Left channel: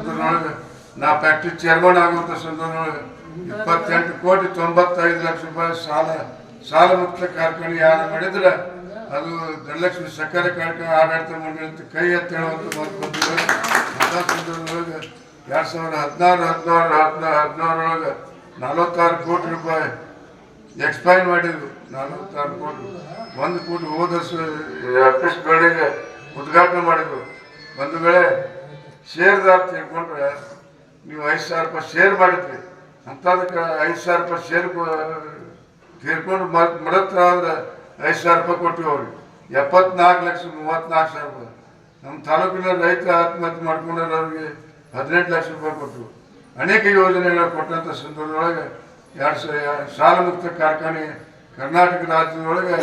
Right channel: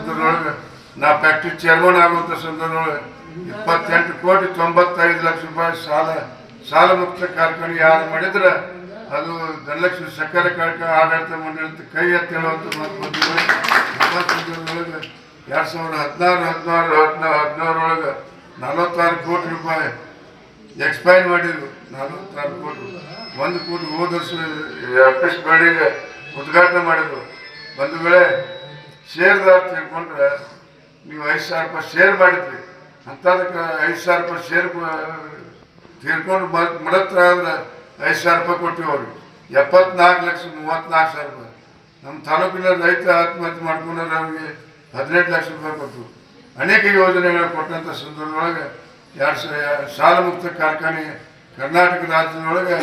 ಸಂದರ್ಭದೊಳಗೆ ನಾ factory chairman ಆಗುವಂಥ ಸಂದರ್ಭದೊಳಗೆ 28,95,00,000 ರೂಪಾಯಿ ಸಾಲ ಮುಕ್ತ ಕಾರ್ಖಾನೆ ಯಾರು ಮಾಡಿದ್ರೆ ಅದು ಧನಲಕ್ಷ್ಮಿ ಸಕ್ಕರೆ ಕಾರ್ಖಾನೆ ಆಡಳಿತ ಮಂಡಳಿ ಅಂತ ಕೈ ಎತ್ತಿ ಹೇಳುವಂಥ ಮಾತು ಬಂದಿದೆ. ಅಂಥ ಸಂದರ್ಭದೊಳಗೆ 2016-17 46 ಕೋಟಿ ರೂಪಾಯಿ ಎಕ್ಸ್ಪೈರ್ ಮಾಡಿದ್ರು. 46 ಕೋಟಿ 1 ಕೋಟಿ ಹೋದ ವರ್ಷ ಆಫೀಸ್ ಬಿಲ್ಡಿಂಗ್ ಉದ್ಘಾಟನೆ ಮಾಡಿದ್ರು. ಒಂದು ವೇಳೆ ಶೇರ್ದಾರ್ ತಿಳ್ಕೊಂಡ್ರೆ ನೀವು 5,000 ರೂಪಾಯಿ ಶೇರ್ ಮಾಡಿದ್ರಿ ಅಂಥದಕ್ಕೆ 5,000 ರೂಪಾಯಿ ಶೇರ್ ತೀರ್ಕೊಂಡು ಮಡತ್ರ ಆದ್ರೆ 5,000 ರೂಪಾಯಿ ಕೊಟ್ಟಿವಿ ಅವ್ರಿಗೆ. 74,34,000 ರೂಪಾಯಿ. ನಮ್ಮ ತಾಲೂಕಿನ ರೈತ ಆತ್ಮಹತ್ಯೆ ಮಾಡ್ಕೊಂಡ್ರೆ ಅವ್ರಿಗೆ 18 ಲಕ್ಷ ರೂಪಾಯಿ ಕೊಟ್ಟರು. ಅನೇಕ ಯೋಜನೆಗಳು ಕೊಟ್ಟಂಥ ಸಂದರ್ಭದೊಳಗೆ ಸಾಲ ಮುಕ್ತ ಕಾರ್ಖಾನೆ ಕರ್ನಾಟಕ ರಾಜ್ಯದೊಳಗೆ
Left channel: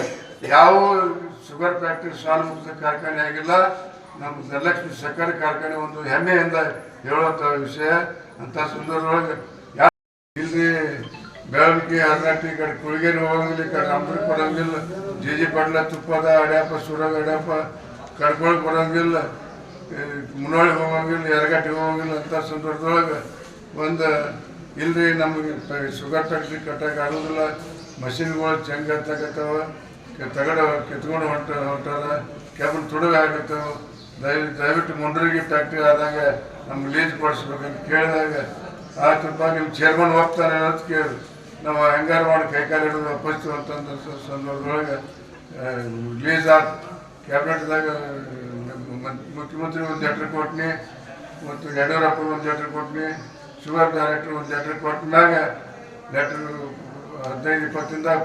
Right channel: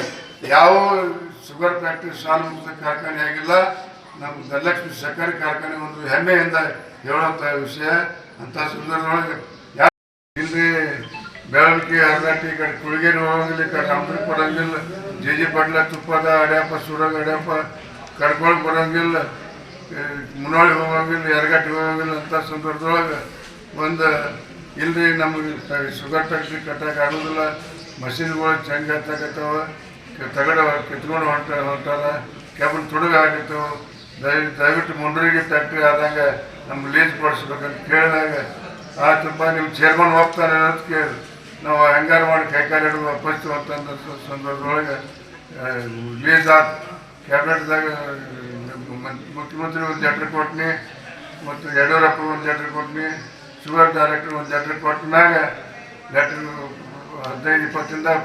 ಯಾವ ಶುಗರ್ ಫ್ಯಾಕ್ಟ್ರಿ ಸಾಲ ಮುಕ್ತ ಕಾರ್ಖಾನೆ ಆಗಿಲ್ಲ. ನಮ್ಮ ಧನಲಕ್ಷ್ಮಿ ಸಕ್ಕರೆ ಕಾರ್ಖಾನೆ ಒಂದು ಹೆಮ್ಮೆಯಿಂದ ಹೇಳುವಂಥ ವಿಷಯ. ಅಂಥ ಸಂದರ್ಭದೊಳಗೆ ಇಲ್ಲಿ ಬೆಳವಣಿಗೆ ಹರ್ನಾಟಿ ಕಡೆ ಕುಳಿಗೇರಿ ಹೋಗಂಗಿಲ್ಲ, ಈ ಕಡೆ ಅಮೃತ ಬರೋಂಗಿಲ್ಲ, ಜಿ ಪಟ್ಲ ತುಪ್ಪದ ಅಡ್ಯಪ್ಪ ಸುರಾಗ ಅಡ್ಯಪ್ಪ ಕಡ್ಕೊಳಕ್ಕೆ ಬರೋಂಗಿಲ್ಲ, ಮುನ್ನೋಳಿ ಹೋಗಂಗಿಲ್ಲ, ಎರಗಟ್ಟಿ ಹೋಗಂಗಿಲ್ಲ. ಅಂಥ ಸಂದರ್ಭದೊಳಗೆ ಒಂದು ಇಲ್ರಿ ನಮಗೆ ಶುಗರ್ ಫ್ಯಾಕ್ಟ್ರಿ ಕಟ್ಟಕ್ಕೆ ಆಗೋದಿಲ್ಲ, ಮಷಿನ್ಗಳು ಚಂಗ ಹತ್ತಕತ್ತವ, ತಗಡ ಕಿತ್ಕೊಂಡು ಹೊಂಟಾರ, ಕೆಬ್ಬನ ತುಡುಗಾಗಿತ್ತವ, ದಯವಿಟ್ಟು ಮುಂಡ್ರಿಗೆ ಫ್ಯಾಕ್ಟ್ರಿ ಆದಾಗ ನಮ್ಗೆ ಲೀಸ್ ಕೊಡಿಸ್ಬೇಕಂತ ಕೇಳಿದಾಗ ಆಯ್ತಪ್ಪ ನೀವು ಚೇರ್ಮನ್ ಹೋಗ್ತಾನೆ ಅಂತ ಕೇಳಿದ್ರು. ನಾವು ಹಂಗಾರು ಮಾಡಿ ಕೈಕಾಲು ಹಿಡಿದು ವಾಪಸ್ತು ಅಂತಂದ ಸಂದರ್ಭದೊಳಗೆ ಲೀಸ್ ಆಯ್ತು. ಕ್ಯಾಬಿನೆಟ್ದಾಗ ಮುಖ್ಯಮಂತ್ರಿ ಒಂದು ಲೆಟ್ರ್ ಕೊಟ್ಟಿನಿ, ಮತ್ತು ಯಡಿಯೂರಪ್ಪ ಒಂದು ಲೆಟ್ರ್ ಕೊಟ್ಟಿನಿ, ಶುಗರ್ ಡೈರೆಕ್ಟರ್ ಒಂದು ಲೆಟ್ರ್ ಕೊಟ್ಟಿನಾಗ ಲೆಟ್ರ್ 15-20 ದಿನದಾಗ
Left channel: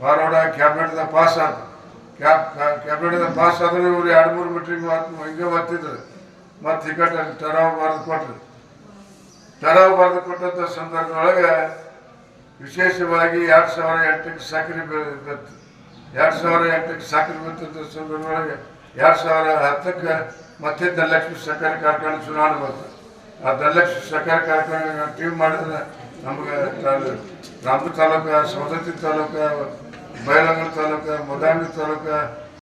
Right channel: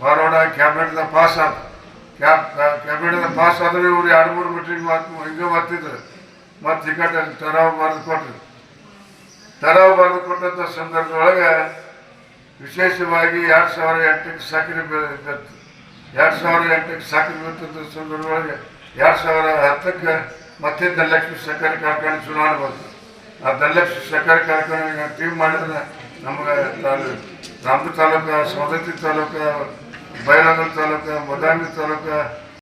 ಫಾರ್ವರ್ಡ್ ಆಗಿ ಕ್ಯಾಬಿನೆಟ್ದಾಗ ಪಾಸ್ ಆಯ್ತು. ಕ್ಯಾಬಿನೆಟ್ದಾಗ ಪಾಸ್ ಆದ್ರೆ ಇವ್ರು 2-3 ಮೀಟಿಂಗ್ ಮಾತು ಹಿಂಗೆ ಬರ್ತಿದ್ರು. ಮತ್ತು ಟಿಕೆಟ್ ಟರಾವ್ ಬರೆದು ಕೊಟ್ಟಂಥ ಸಂದರ್ಭದೊಳಗೆ ವಿಶೇಷವಾಗಿ 2008ಕ್ಕೆ ಸಕ್ಕರೆ ಬಿತ್ತು. 2008ಕ್ಕೆ ಸಕ್ಕರೆ ಬಿತ್ತಂಥ ಸಂದರ್ಭದೊಳಗೆ 2010ಕ್ಕೆ ಮತ್ತೆ ಧನಲಕ್ಷ್ಮಿ ಸಕ್ಕರೆ ಕಾರ್ಖಾನೆ ಚುನಾವಣೆ ಬಂತು. ಆ ಧನಲಕ್ಷ್ಮಿ ಸಕ್ಕರೆ ಕಾರ್ಖಾನೆ ಟೀಮ್ ಮಾಡಿದ್ರೆ ನಮಗೆ ರಾಮದುರ್ಗ ತಾಲೂಕು, ಸವದತ್ತಿ ತಾಲೂಕು, ಬೈಲಹೊಂಗಲ ತಾಲೂಕು, ಮದಾಂಗಿ ತಾಲೂಕು,